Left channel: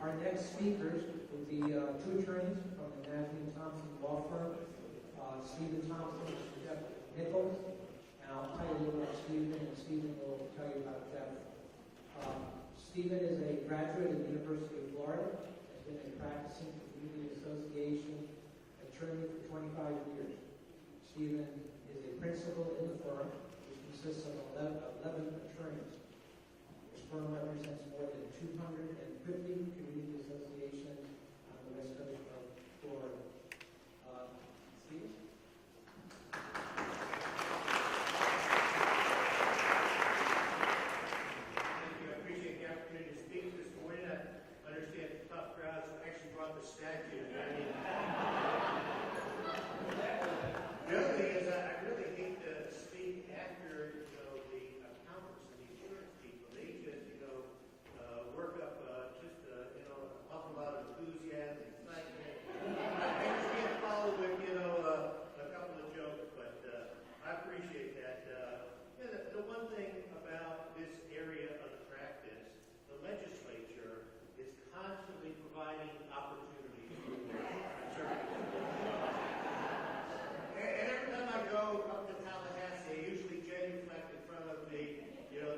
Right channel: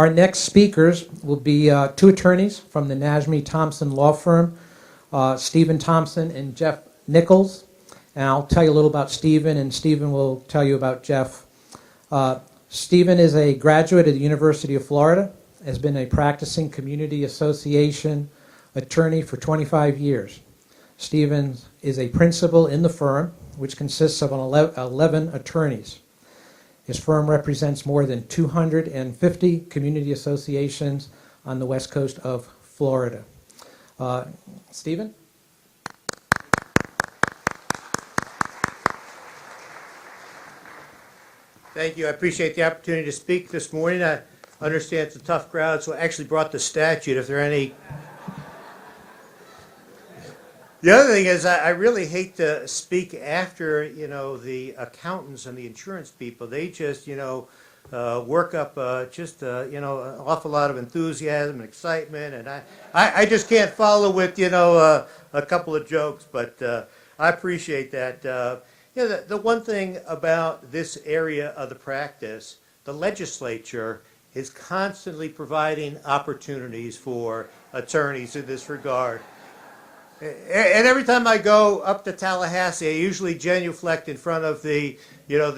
Our next speakers will be two attorneys from the Najmy Thompson Law Firm, Stephen Thompson and Jeff Nichols. And I'll tell you a little about Stephen, and Stephen will tell you about Jeff. Stephen is a graduate of the University of Florida, has been a practicing community association attorney for 25 years. Stephen is a principal in the firm, which consists of 11 attorneys. His firm represents more than 250 community associations on the west coast of Florida. Stephen? Thank you. I appreciate the opportunity to speak this morning. I understand it's a tough crowd, so I actually brought the statute if there are any. The other thing is I really hate to speak after, the accountants and the insurance people. They just, work up an awful lot of enthusiasm and excitement, and I just can't follow with, a couple of jokes, but I appreciate that. The one thing about this area of the practice, the legislature is constantly providing opportunities for attorneys in this regard. And every time I go up to Tallahassee, I usually genuflect in front of the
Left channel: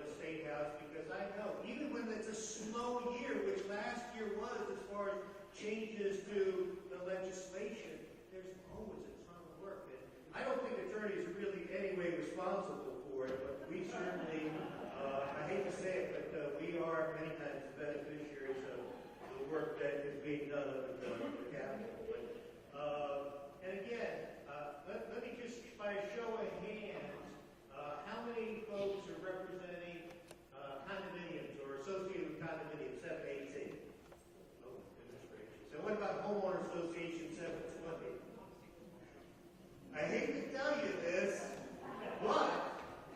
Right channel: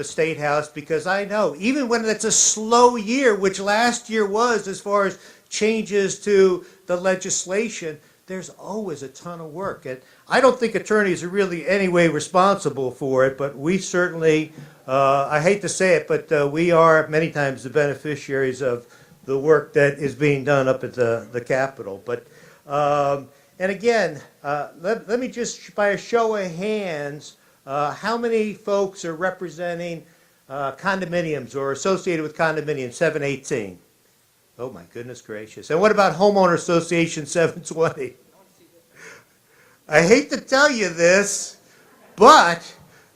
State House, because I know, even when it's a slow year, which last year was as far as changes to the legislation, there's always a ton of work. And I don't think attorneys are really any way responsible for it, but we certainly, I hate to say it, but we are many times the beneficiaries of the work that is being done up at the Capitol. But and again, let me just, by a show of hands, how many folks are representing condominiums or associated with condominiums, 718? Oh my goodness gracious. And what about homeowner association 720? I hate to tell you this, but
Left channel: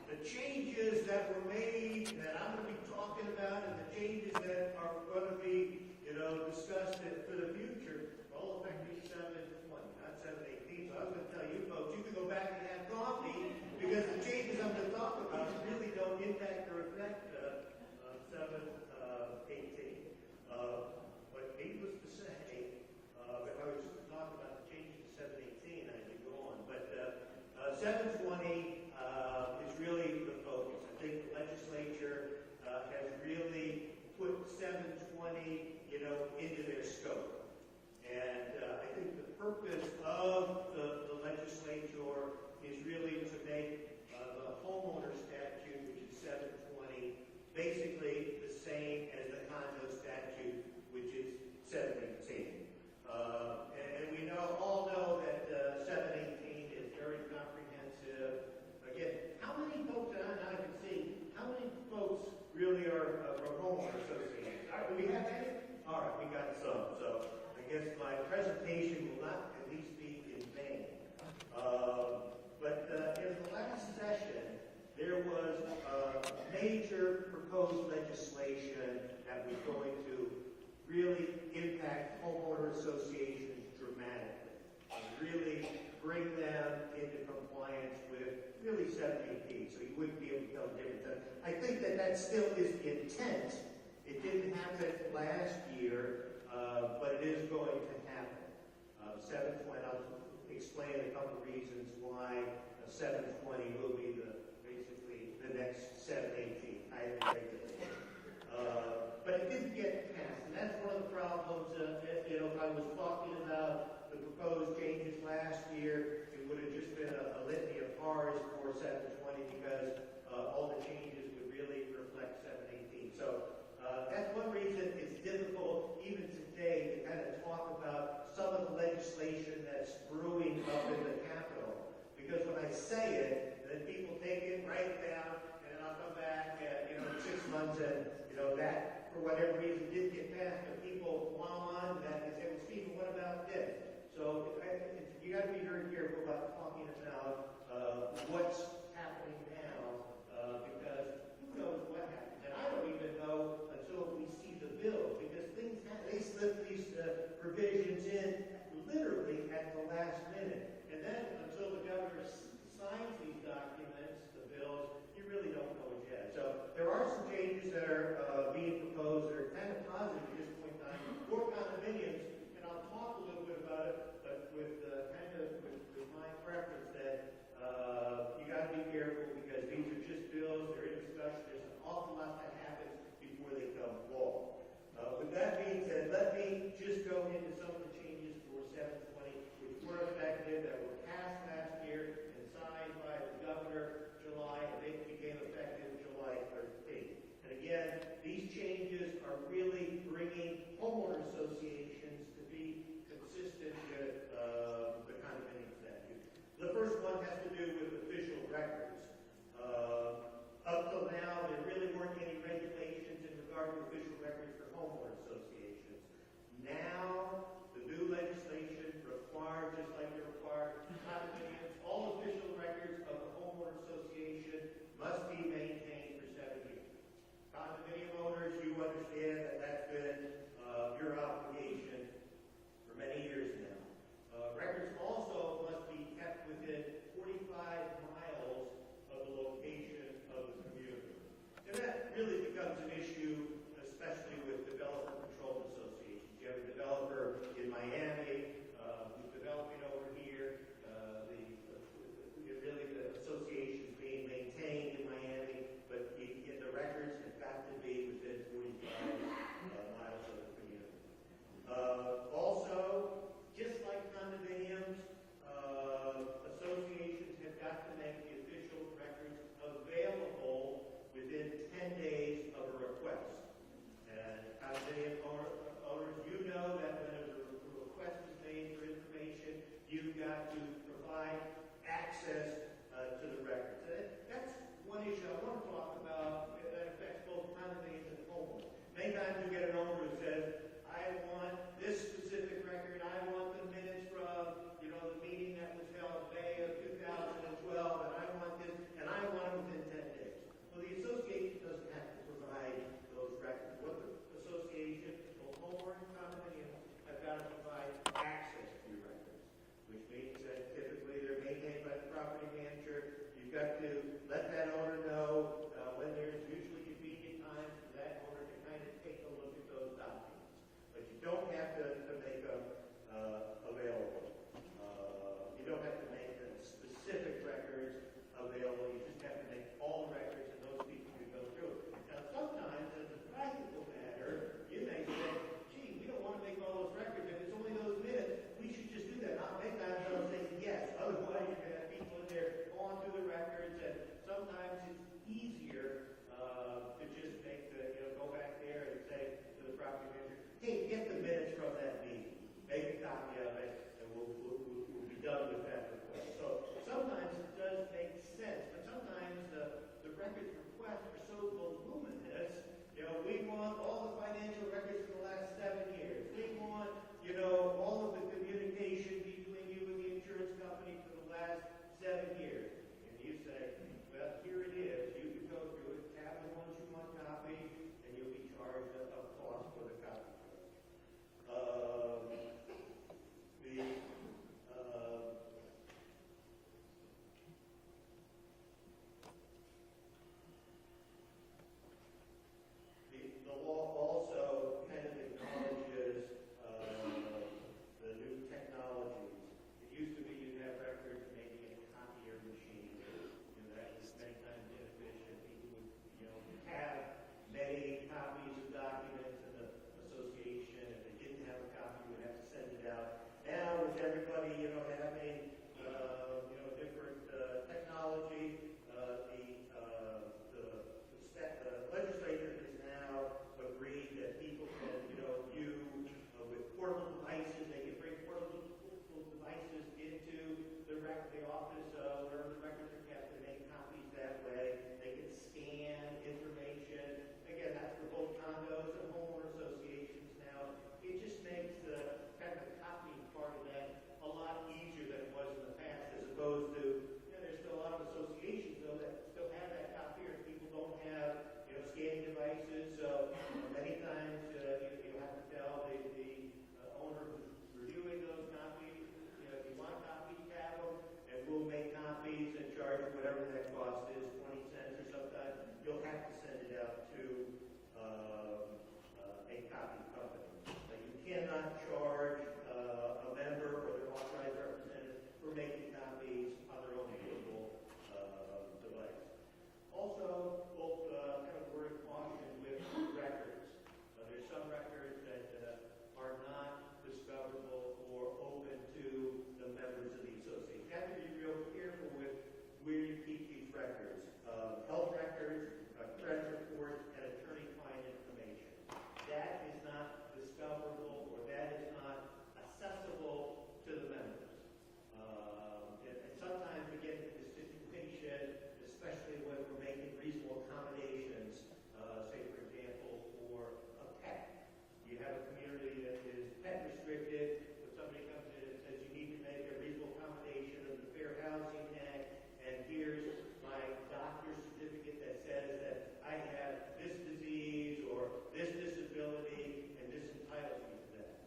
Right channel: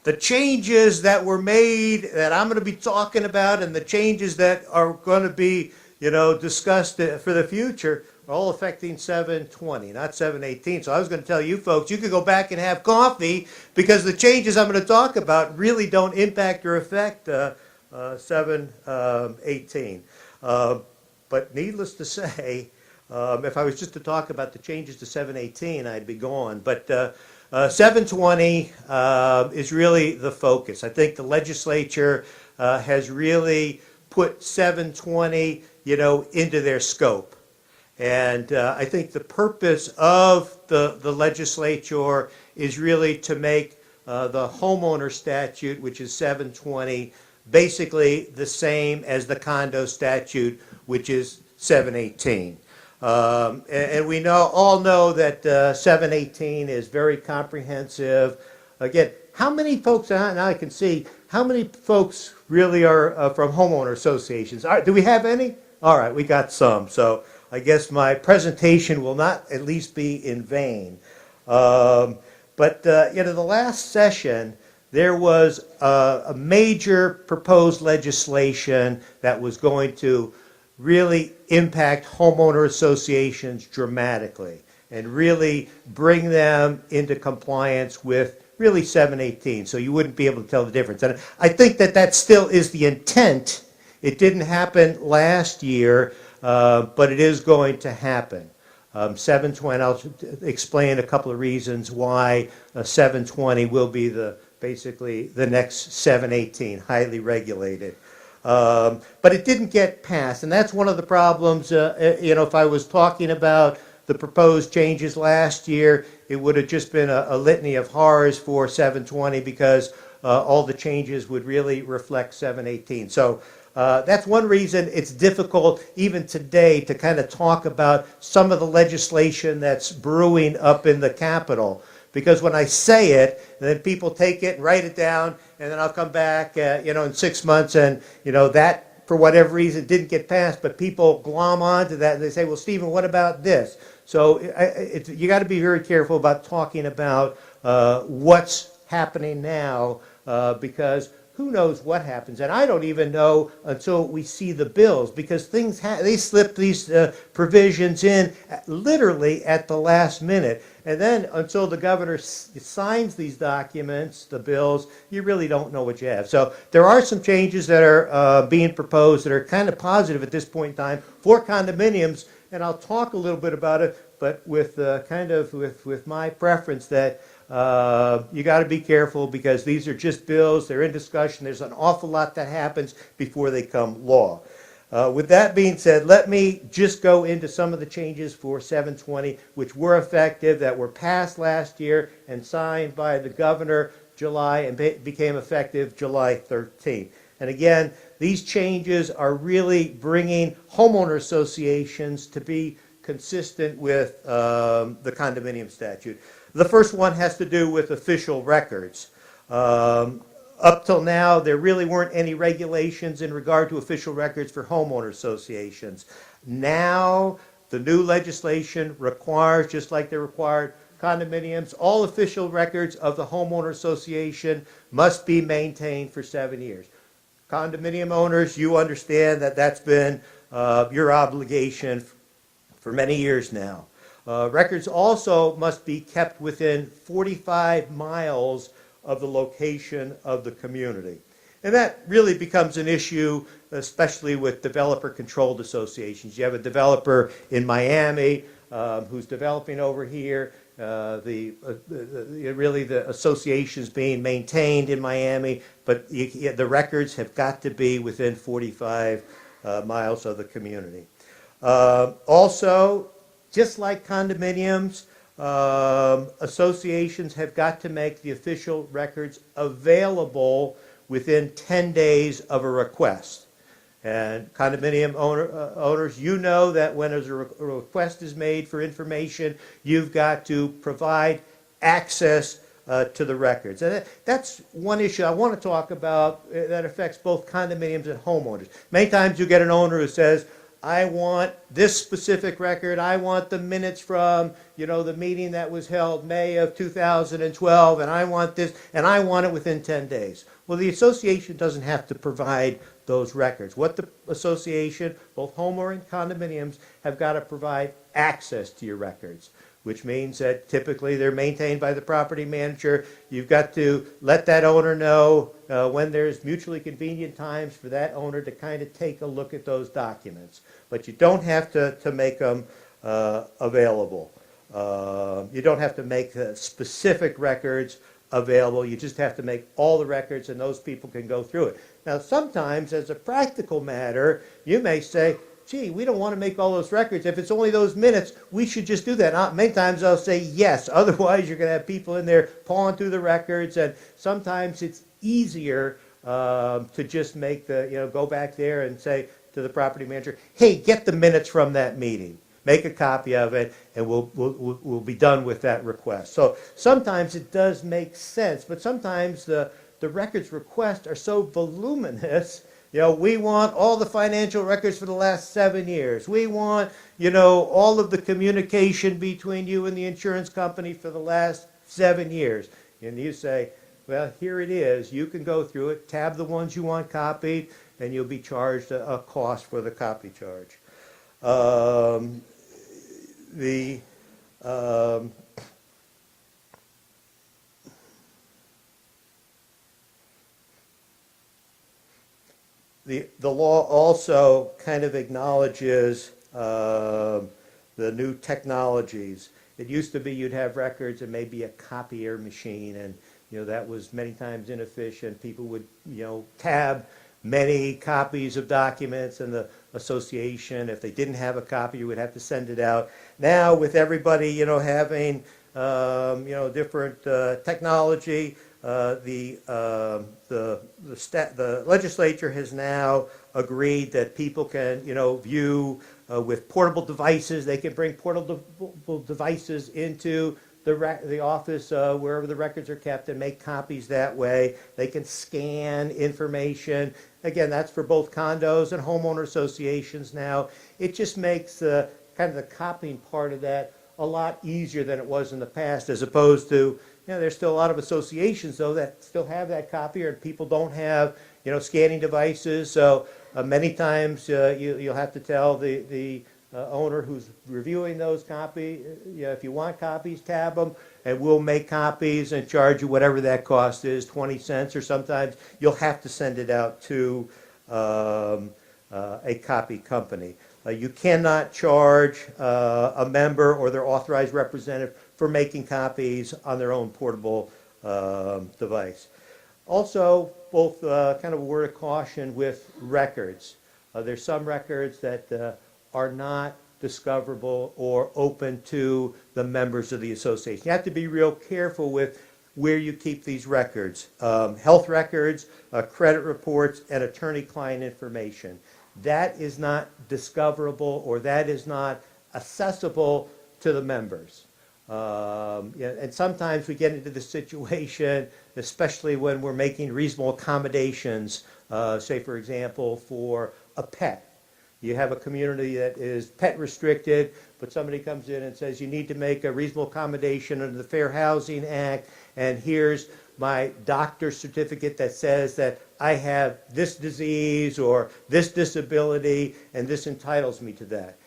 the changes that were made that I'm going to be talking about, and the changes that are going to be, discussed for the future, are all affecting 720, not 718. So I was going to tell you folks, you could go back and have coffee, because the changes I'm going to talk about really don't impact or affect 718. But needless to say, if I was just to talk about the changes to 718, I'd be gone. But 720 is really the focus. I think the legislature has really put 720, into their scope. And I think the purpose of the legislature is really to make the homeowner statute, which is 720, basically the same as the condo statute, which is 718. And we all know that 718 is very comprehensive. Again, how many folks, now I can see, how many folks really are from homeowner associations? All right, do we have any? All right, we got some. So I guess my presentation will not at least be in vain. But the last session, there was a major proposed legislation that was going to really impact homeowner associations dramatically and really bring them into compliance with really 718, so you wouldn't be able to tell the difference. And I think that still is the intent. It didn't happen last year, but it is going to happen. 720, I'll explain a couple of reasons why 720 will be basically the next 718, highly regulated. But it didn't get passed, and that's one of the problems. If I was talking about the proposed changes last year, it would have just been a litany of horrors for 720, because all the changes would really reflect 718. So that's one reason it's difficult even today to kind of talk about some of the legislation that's brewing up in the Capitol. Because when I say it, then people take it and write it down, and then I'll come back, in 6 months, and that for whatever reason didn't get passed. But people glom onto that, and they say, "Well, Stephen, what about this?" So you got to be very careful about talking about what's happening now, because who knows what happens. And I don't even know until we see the bills, because they slip these provisions in literally at the last minute. And then until the governor signs these documents, the bills, you really don't know what you have. So there are some changes that are being proposed that are kind of positive at this point in time for condominiums, and I'll talk a little bit about it, but with with my preference that you got to be careful because these are just bills, they're in discussion, there's an awful lot that happens before they come law. With that being said, let me just go into some of the changes for 720, which were effective, that were passed last year and signed by the governor July and became effective July 13th. And again, these changes are really bringing homeowner associations to be consistent with the condominium statute. The first one has to do with official records. Up till now, there really weren't any regulations in regard to official records for homeowner associations. Now, the new legislation requires, just like they required condominiums, all official records of the homeowner association must be maintained for 7 years. Condominium owners, you understand that that's been your obligation for many years now. Records also must be kept within 45 miles of the location of the community. And that really becomes an issue, especially with developer-controlled associations. You have a developer in Miami who's developing over here. Really the association's being maintained in Miami, but the records have got to be within 45 miles of the community. Also, just like condominiums, associations have got to make the official records available within 10 days of a request. And condominium owners, you know that when a request is made for information, you've got to provide access to the records. And that's one issue I want to talk about that affects both condominiums and homeowners. Many times you get an owner who says, I want this specific record, I want the minutes from, the meeting that was held May of 2012, and I want this, and I want it within 10 days. Well, the association doesn't have to provide those records. What the association, both homeowner and condominiums, have got to provide access to your records, which means that typically they're maintained by the property manager. You've got to let that owner know when there's mutually convenient times for that owner to kind of take a look at those documents. But you don't have to make them available. You don't have to make specific records available. You just have to make all the records, and those people can go through it. Now, sometimes, as a practical matter, you may say, gee, we don't want to make all those records. If it's only those minutes, we should just do that. Many times I'll say yes. Otherwise, you're going to have people in there pawing through the records, and sometimes it's easier to just make go back there and say to the property manager, hey, get the minutes from that meeting. Make a copy of it, and we'll be done with that request. So sometimes it does make sense, but sometimes the records requests are so voluminous. We want all the financial records for the last 7 years. We want, all of the communication between you and the insurance company for the last 7 years. And you say, well, here it is. You can go through it, tab the ones you want copied, and you'll be charged a cost for the copy charge. The law also kind of acknowledges the new technologies. It used to be you'd have records and maybe a copier machine, and that was many times inefficient. People would tab many copies of documents, and the association, if they didn't have a copy, you would have to send it out. Now, with everybody having different technology, the legislature has now agreed that people can, view with portable devices. They can bring portable devices into the office wherever the records are kept and make copies that way. They can scan information. Again, that's for both condos and homeowner associations now. It just makes kind of the copying part of that a lot easier than it was in the past, as opposed to, there's still a lot of associations, though, that still have that copier, and people don't have, scanning devices. So many times you'll have to tell the owner who's reviewing those copies. If you want copies, tab them, and we'll make copies and charge you whatever that cost is, 20 cents, or sometimes you'll have to send it out to a copy company. You cannot charge a member or their authorized representative for making copies on their own portable device. Also, both kind of a word of caution with records. There's some records that are not discoverable or open to the members of the association. You have to be real careful with where you keep these records. Health records, credit reports, and attorney-client information. That is not discoverable, or that is not accessible to the members. And sometimes we get into the situation, especially when we're making reasonable accommodations, say for example for a pet. You have a community that is pet restricted, but somebody comes in and says you need to make a reasonable accommodation under the Fair Housing Act, and here's my doctor's certificate that says that I have this disease or this disability, and this entitles me to that.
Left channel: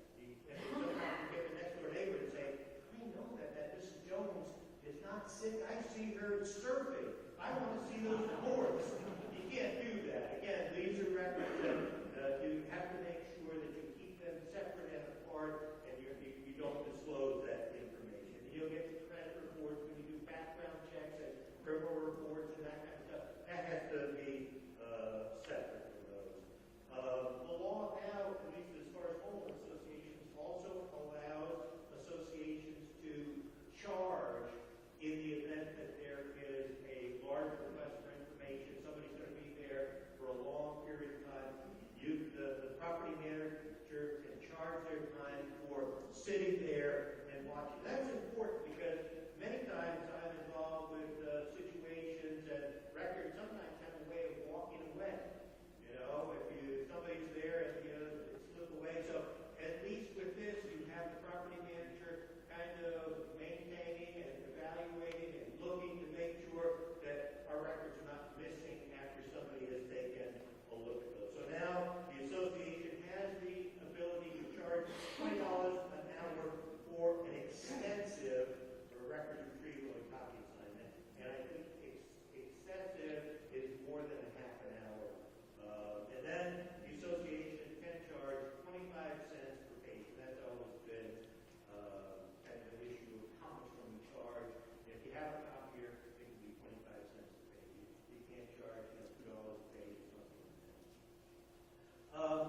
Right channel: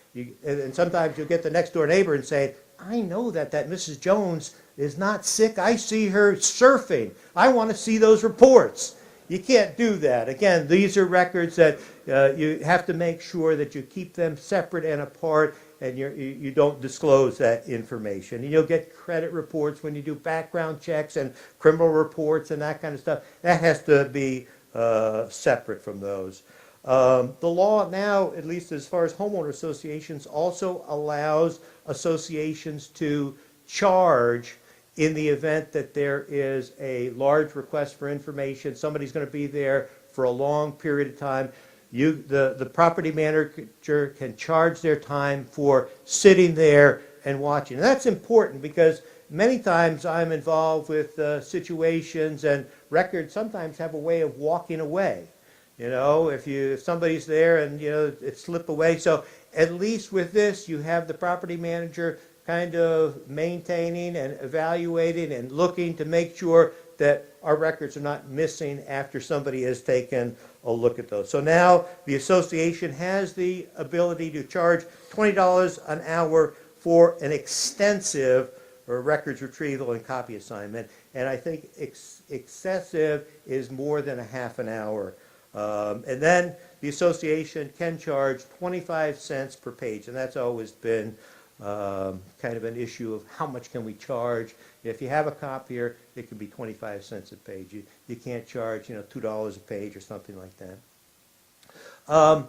And sometimes you'll get the next door neighbor and say, I know that Mrs. Jones is not sick. I see her surfing. I want to see those reports. You can't do that. Again, these are records that you have to make sure that you keep them separate and apart, and you don't disclose that information. And you'll get credit reports when you do background checks and criminal reports and that kind of stuff. That has to be separate from those. The law now, at least as far as homeowner associations, also allows associations to charge in the event that there is a large request for information. Somebody's going to be there for a long period of time. The property manager can charge their time for sitting there and watching. And that's important because many times I'm involved with situations, and records sometimes have a way of walking away. If somebody's there and it slip away. So at least with this, you have the property manager kind of maintaining and evaluating and looking to make sure that our records are not missing after somebody has taken a look at those. So now the association has the ability to charge $20 an hour for an extensive records retrieval and copy assignment. And I think excessive is more than a half an hour. And then the association can charge 25 cents per page, and that's always been kind of an issue of how much can we charge. If you have a copier, it can be 25 cents a page. You can't charge $2 a page or something like that.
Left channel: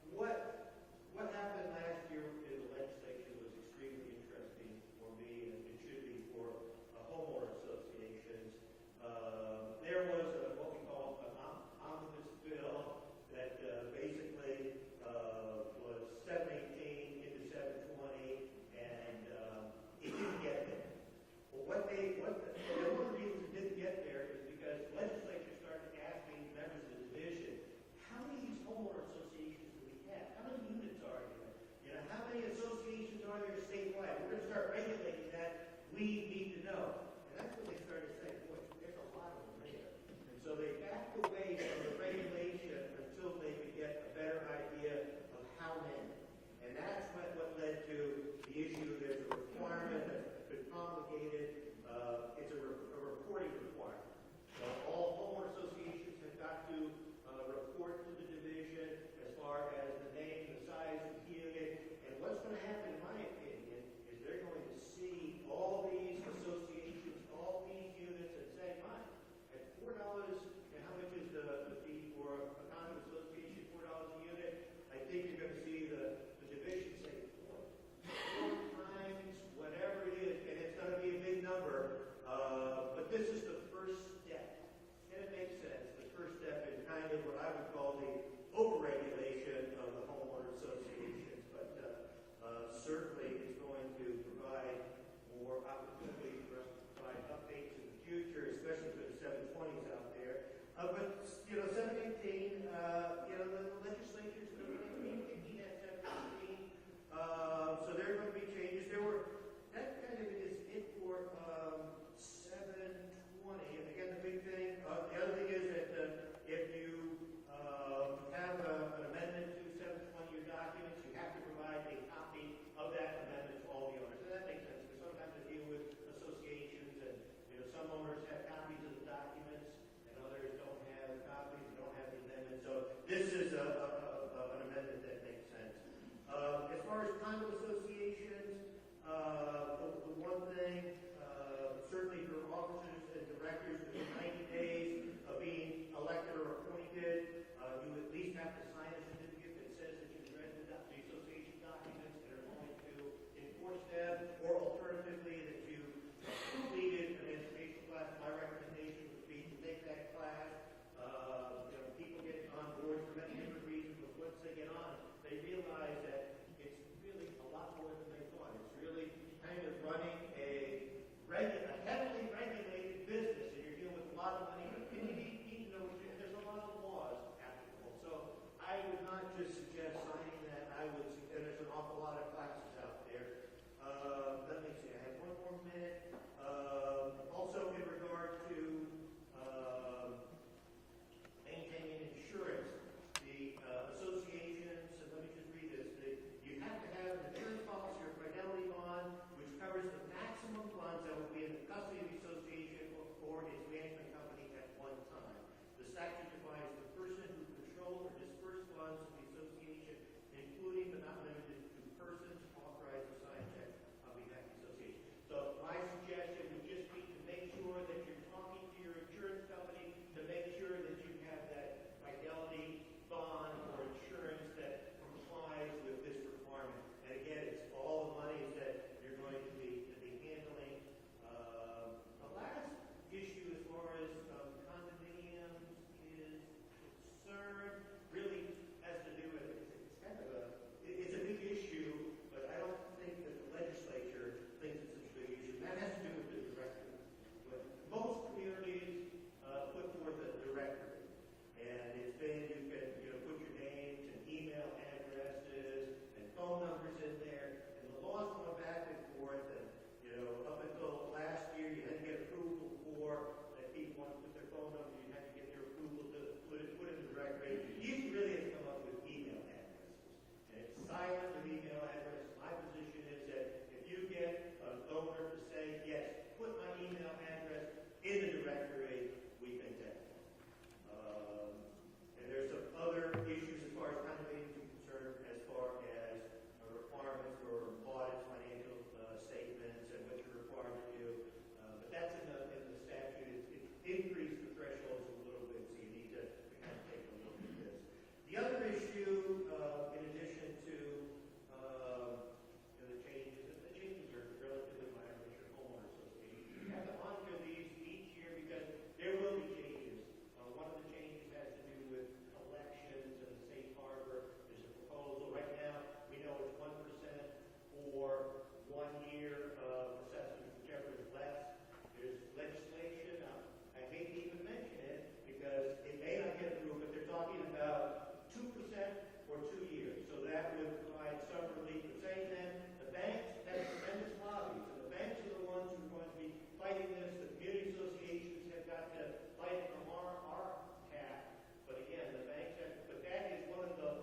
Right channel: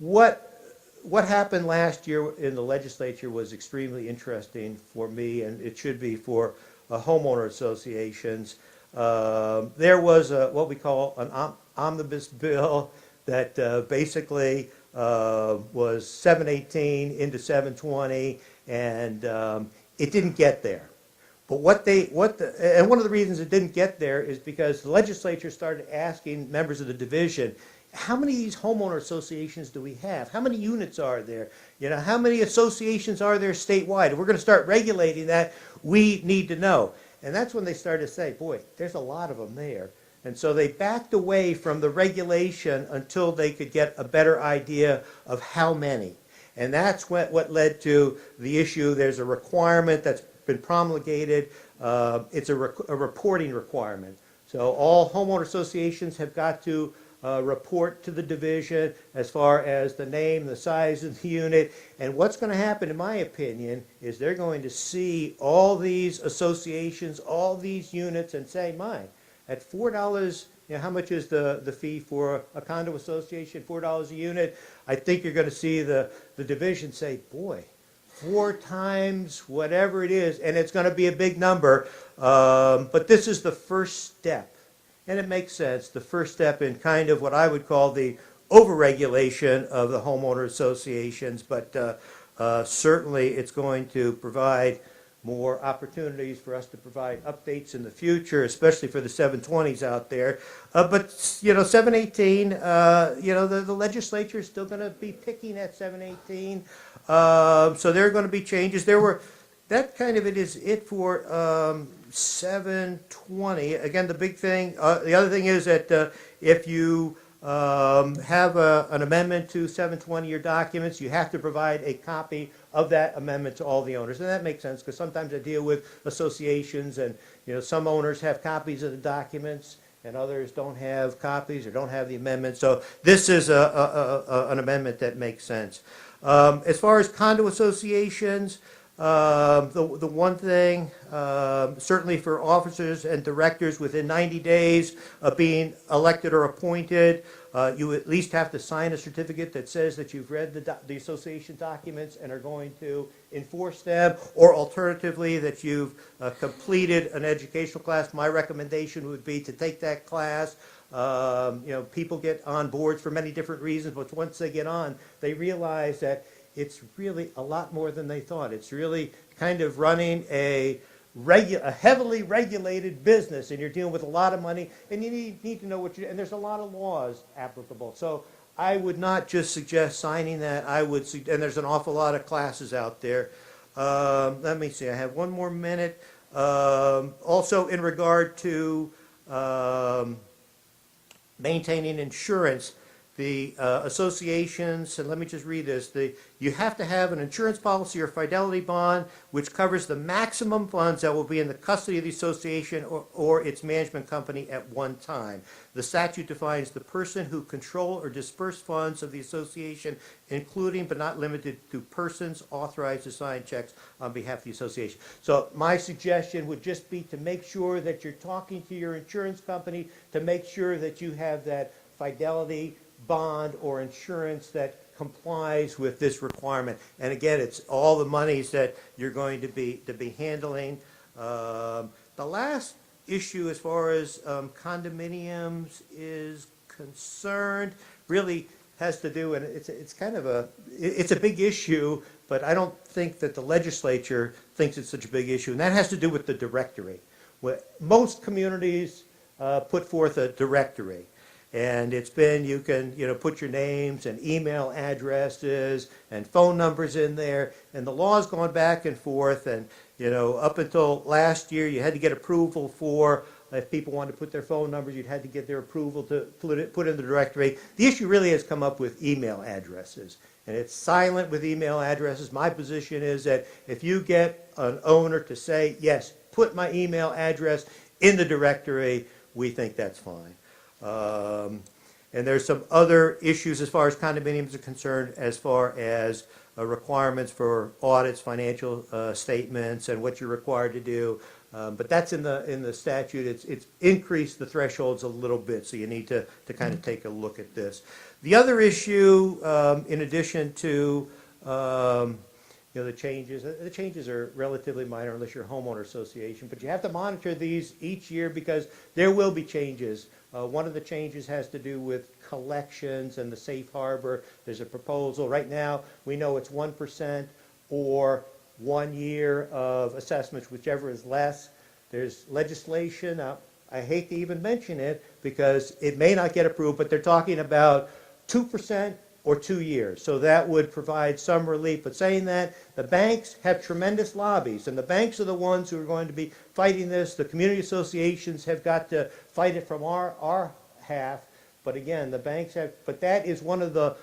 What happened last year in the legislature was extremely interesting for me, and it should be for homeowner associations. There was what we call an omnibus bill that basically was 718 into 720, and it didn't get there. But and one of the reasons it didn't get there is because the legislature started asking members of the division, how many of these homeowner associations do we have? How many units are there? How many associations are there statewide? If we're going to start regulating that, we need to know. And that's when they started to say, boy, there's a lot of them there. And so they backed away from the regulation until they could get a better idea of how many. And that's what led to the issue. There's a requirement that's been promulgated. It's a reporting requirement. So all homeowner associations have got to report to the division as far as the name, the size of the unit. And what's going to happen, in my opinion, is they're going to see all these associations, all these units, and say, my, at $4, how much is the fee for a condo association? $4 a unit. I think you're going to see the division say, boy, 4 times whatever it is, and it's going to be a big number. But this is the first step. And it makes sense, the first step in kind of what I would call the overregulation of the homeowner associations, but certainly it's going to provide more opportunities for us to provide updates in the future, especially for the 720s out there. But 718, the legislature is still going to be picking at 718. So there are going to be changes. That kind of is it for 720. Again, the big thing, the other thing is that if you have an amendment to 720 your documents, you have to provide a copy of that amendment to all the owners. And that makes sense because sometimes I deal with associations and, you know, some owners have copies of the documents and others don't have copies or don't have the amendment. So this is an amendment that makes sense. As far as condo associations, the one thing, certainly for officers and directors within 90 days of being elected or appointed, you at least have to sign a certificate that says that you've read the association documents and are going to enforce them, or alternatively that you've completed an educational class. My recommendation would be to take that class. You know, people get on boards for many different reasons, but once they get on, they realize that it's really a lot more than they thought. It's really kind of running a heavily regulated business, and you're dealing with a lot of money, and you need to know what and there's a lot of laws applicable. So I would not just suggest signing that. I would, and there's an awful lot of classes out there. Let me see, I have one more minute. Also in regard to maintaining insurance, the associations, and let me just read this, you have to have an insurance policy or fidelity bond which covers the maximum funds that will be in the custody of the association or its management company at one time. The statute defines the person who control or disperse funds of the association, including but not limited to persons authorized to sign checks on behalf of the association. So my suggestion would just be to make sure that you're talking to your insurance company to make sure that you have that fidelity bond or insurance that complies with this requirement. And again, it's all the monies that you're going to be handling. The last issue as far as condominiums is concerned really has to do, and it's kind of it's a big issue, but I don't think that the legislature thinks it's such a big issue, and that has to do with the directory. Most communities put forth a directory. And it's been, you can, you know, put your names and email addresses and phone numbers in there, and the law's gone back and forth, and, you know, up until last year, you had to get approval for, if people wanted to put their phone numbers, you'd had to get their approval to put in the directory. The issue really has come up with email addresses, and it's silent with email addresses. My position is that if you get an owner to say, yes, put my email address in the directory, we think that's fine. And there's some other issues as far as condominiums are concerned, as far as requirements for audits, financial statements, and what you're required to do. But that's in the statute. It's increased the thresholds a little bit, so you need to kind of take a look at this. The other issue, in addition to you know, the changes are relatively minor unless you're a homeowner association, but you have to monitor these each year because there will be changes. One of the changes has to do with collections and the safe harbor. There's a proposal. Right now, we know it's 1% or 1 year of assessments, whichever is less. There's legislation. I hate to even mention it because it may not get approved, but they're talking about 2% or 2 years. So that would provide some relief. But saying that, the banks have tremendous lobbies, and the banks are the ones who are going to be fighting this. The community associations have got to fight it from our half. But again, the banks have, but that is one of the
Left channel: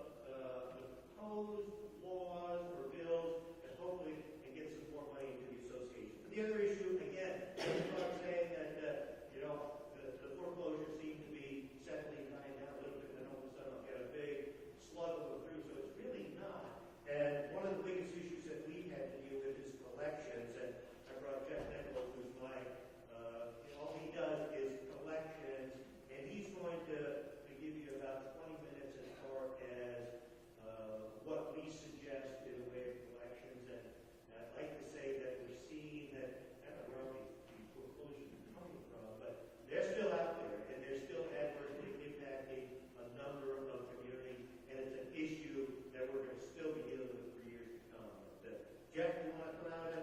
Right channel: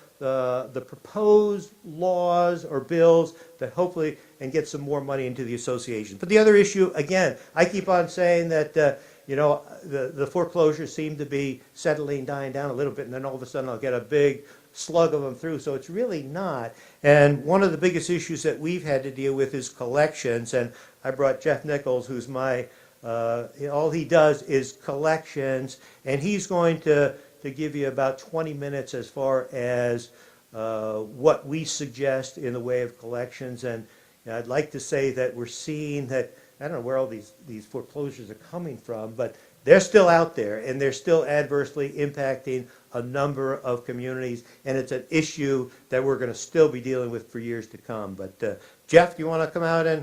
proposed laws or bills that hopefully, and get some more money into the association. But the other issue, again, I keep on saying that, you know, the foreclosures seem to be dying down a little bit, and then all of a sudden I'll get a big slug of them through, so it's really not. And one of the biggest issues that we've had to deal with is collections, and I brought Jeff Nichols, who's my, all he does is collections, and he's going to give you about 20 minutes as far as what we suggest in the way of collections. And I'd like to say that we're seeing that, I don't know where all these foreclosures are coming from, but they're still out there, and they're still adversely impacting a number of communities, and it's an issue that we're going to still be dealing with for years to come. But Jeff, do you want to come out and?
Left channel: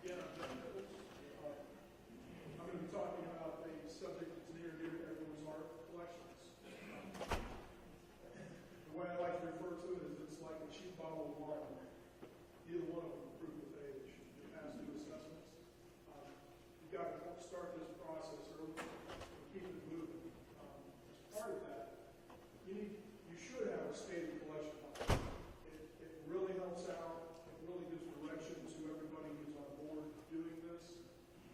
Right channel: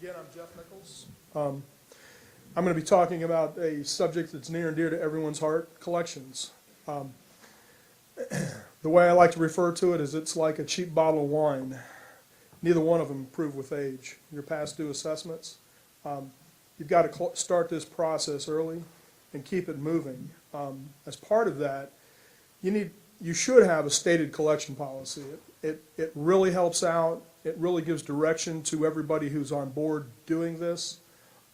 Again, I'm Jeff Nichols. I'm going to be talking about a subject that's near and dear to everyone's heart, collections. The way I like to refer to it is it's like a cheap bottle of wine. Neither one of them improve with age. Your past due assessments, you've got to start this process early and keep it moving. As part of that, you should have a stated collection policy. It really helps out. It really gives direction to everybody who's on board doing this.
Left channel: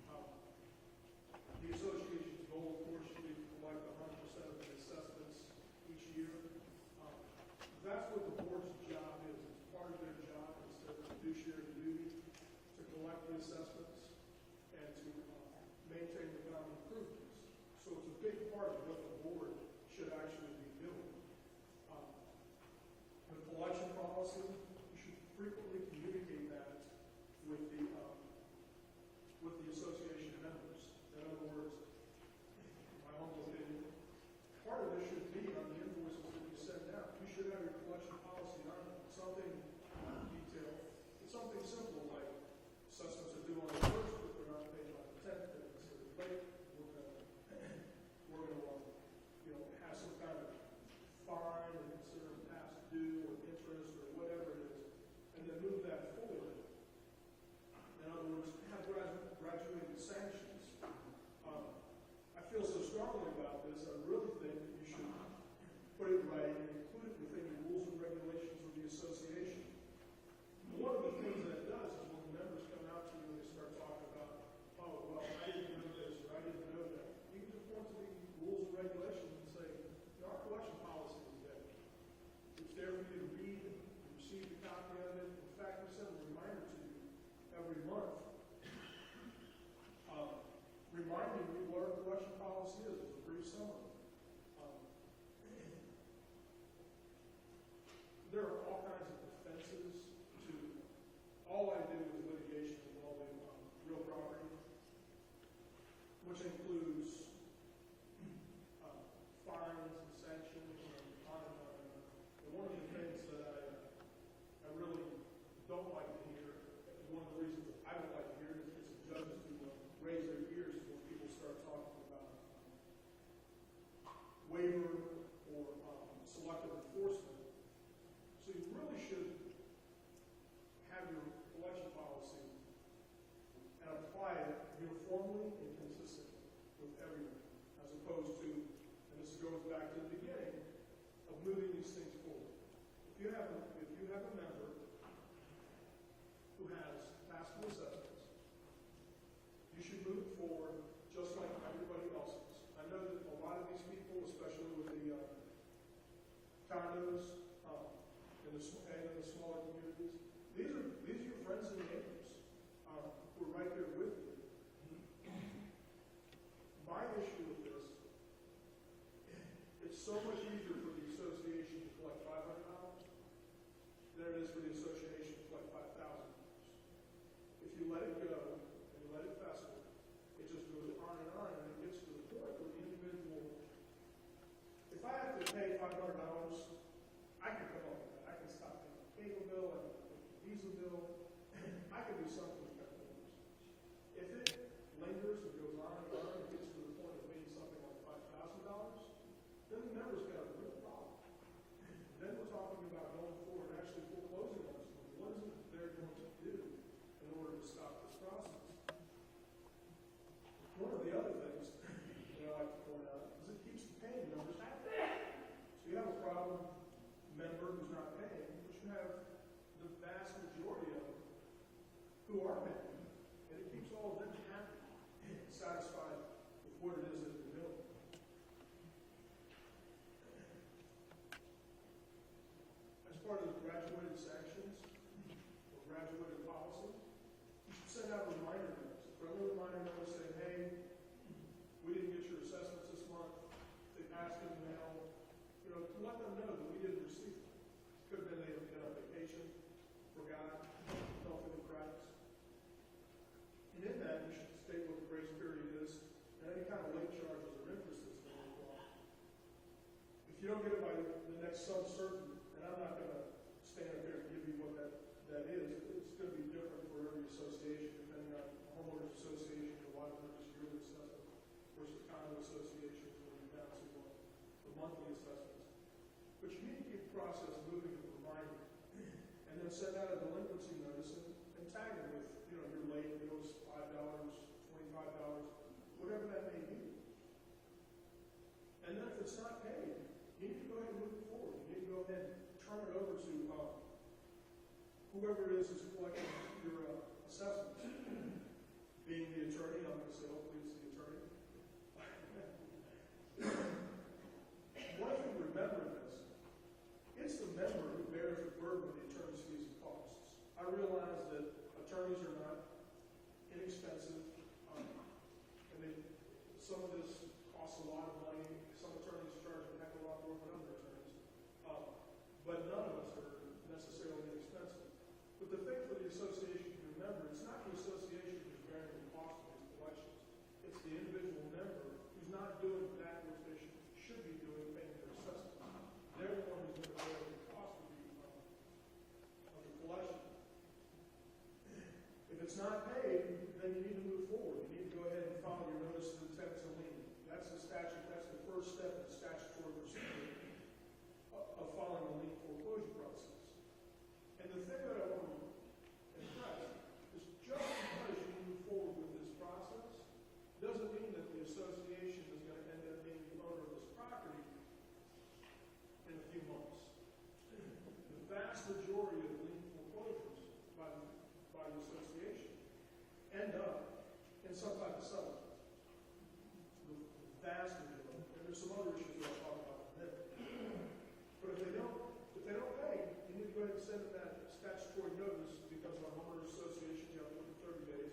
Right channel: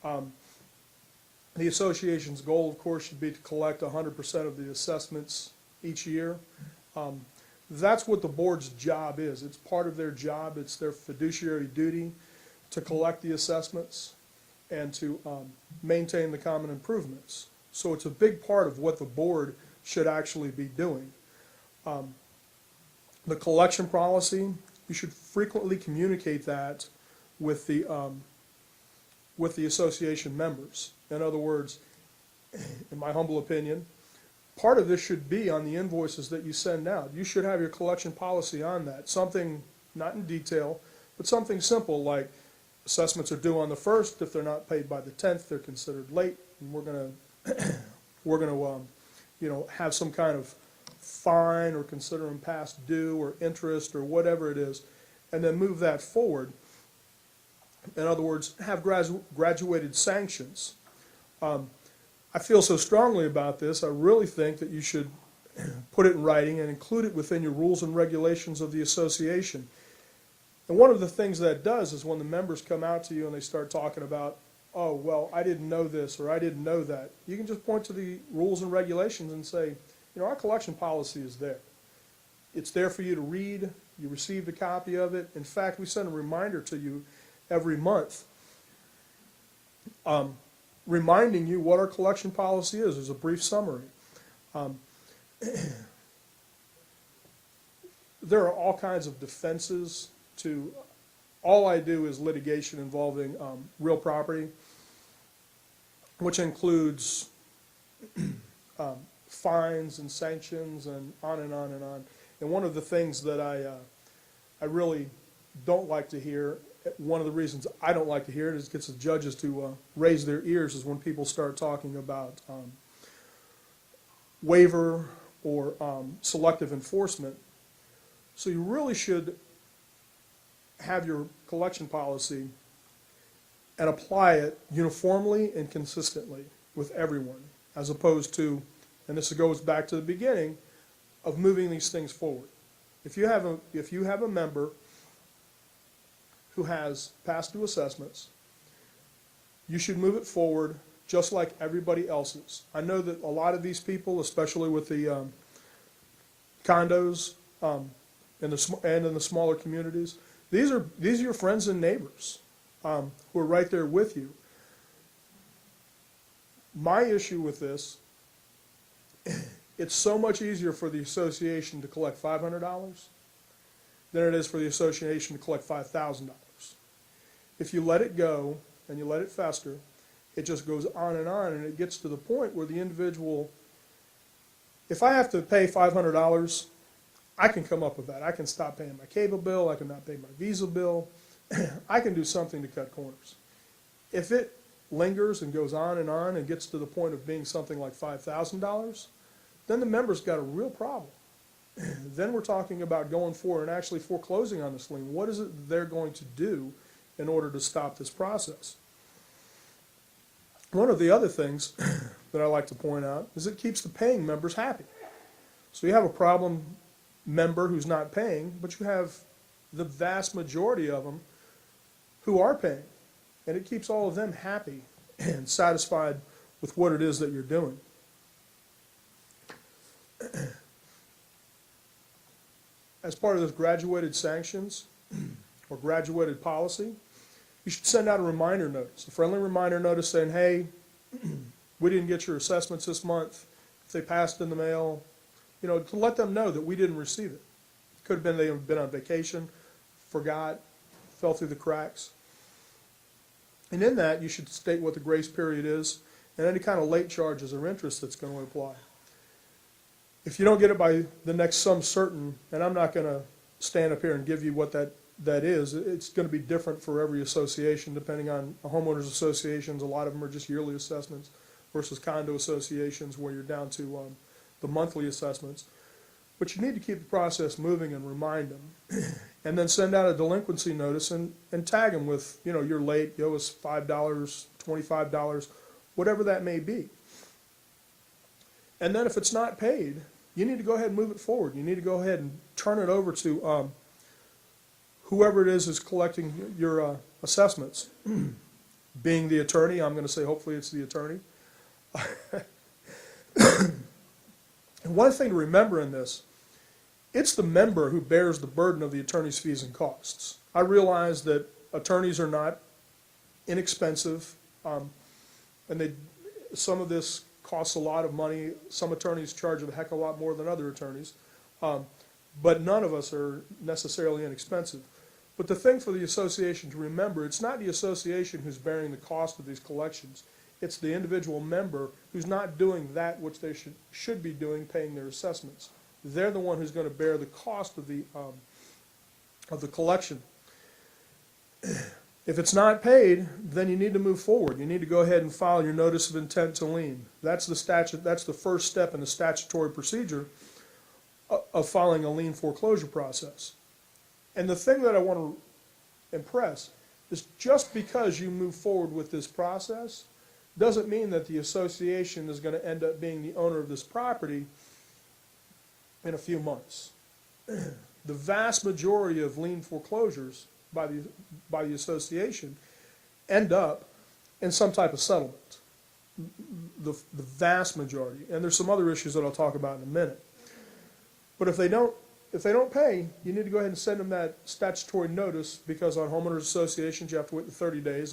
The association's goal, of course, should be to collect 100% of the assessments each year. That's what the board's job is. It's part of their job. It's their fiduciary duty to collect the assessments and to maintain the common improvements. So it's a big part of what the board should actually be doing. The collection policy, you should frequently communicate that with the association members. In other words, in my humble opinion, part of this should be on the invoices that you send out. You should have your collection policy on that. Something, not in detail, but something simple like assessments are due on the 1st. If they're not paid by the 10th, they're considered late. And we're gonna have some kind of fine or consider them past due or interest or whatever it is, and then move that forward. In other words, have graduated sanctions. I feel so strongly about this, I really think that you should put it in writing and include it within your rules and regulations of the association. And one of the things that does is when the members come out to you and they start talking about, oh, well, I didn't know this or I didn't know that, you can just point to the rules and regulations and say, our collection policy is there. It's there for you to read. You received a copy of it. In fact, we send a reminder to you every month reminding you what our collection policy is. There's a brief summary. There are all kinds of defenses to, all I do is litigation involving real property, which includes fines and sanctions and on and on and on. And one of the things that I really don't like to hear, one of the reasons I don't like to hear it is it gets the judges to raise their ears is when people start talking about waiver or selective enforcement. So you really should have your collection policy and apply it uniformly and consistently with everyone, as opposed to, and this goes back to the beginning, of moving these things forward. If you have a member who has past due assessments, you should move it forward just like everybody else's. I know that a lot of these people, especially with the condos and in the smaller communities, these are your friends and neighbors who are right there with you. My issue with this, it's so much easier for the association to collect $500 than it is for the association to collect $5,000. If you let it go and you let it fester, it just goes on, and it gets to the point where the individual, if I have to pay $500, I can come up with that. I can stop paying my cable bill. I can not pay my Visa bill. I can do something to cut corners. If it lingers and goes on and gets to the point of being something like $5,000, then the member's got a real problem. Then we're talking about going forward and actually foreclosing on this lien. What is it they're going to do in order to stop this process? One of the other things that I like to point out is it keeps the paying members happy. So you have a problem member who's not paying, but you have the vast majority of them who are paying. And it keeps all of them happy and satisfied with what it is that you're doing. As part of this graduated sanctions or graduated policy, you should send out a reminder notice, a friendly reminder notice saying, hey, we didn't get your assessments this month. If they passed in the mail, to let them know that we didn't receive it. It could have been they've been on vacation, forgot, fell through the cracks. And in that, you should state what the grace period is and any kind of late charges or interest that's going to apply. If you don't get it by the next sum certain, and I'm not going to stand up here and give you what that is, it's going to be different for every association depending on homeowners associations. A lot of them are just yearly assessments versus condo associations where you're down to the monthly assessments. But you need to keep the process moving and remind them. And then send out a delinquency notice and tag them with, you know, you're late, you owe us $5, $25, whatever that may be. And then if it's not paid, you need to go ahead and move it forward. You need to go ahead and turn it over to whoever it is collecting your assessments. Being the attorney, I'm going to say hopefully it's the attorney. And one thing to remember in this, it's the member who bears the burden of the attorney's fees and costs. I realize that attorneys are not inexpensive, and some of this costs a lot of money. Some attorneys charge a heck of a lot more than other attorneys, but none of us are necessarily inexpensive. But the thing for the association to remember, it's not the association who's bearing the cost of these collections. It's the individual member who's not doing that which they should be doing, paying their assessments. They're the one who's going to bear the cost of the collection. If it's not paid, then you need to move forward. You need to go ahead and file your notice of intent to lien. That's the statute. That's the first step in the statutory procedure of filing a lien foreclosure process. And the thing that I want to impress is just because you move forward with this process doesn't mean that the association is going to end up being the owner of this property in a few months. The vast majority of lien foreclosures by the association end up in some type of settlement. The vast majority. And there's some other issues that I'll talk about in a minute. But if they don't pay, you need to go ahead and send them that statutory notice, because on homeowners associations you have to wait the 30 days.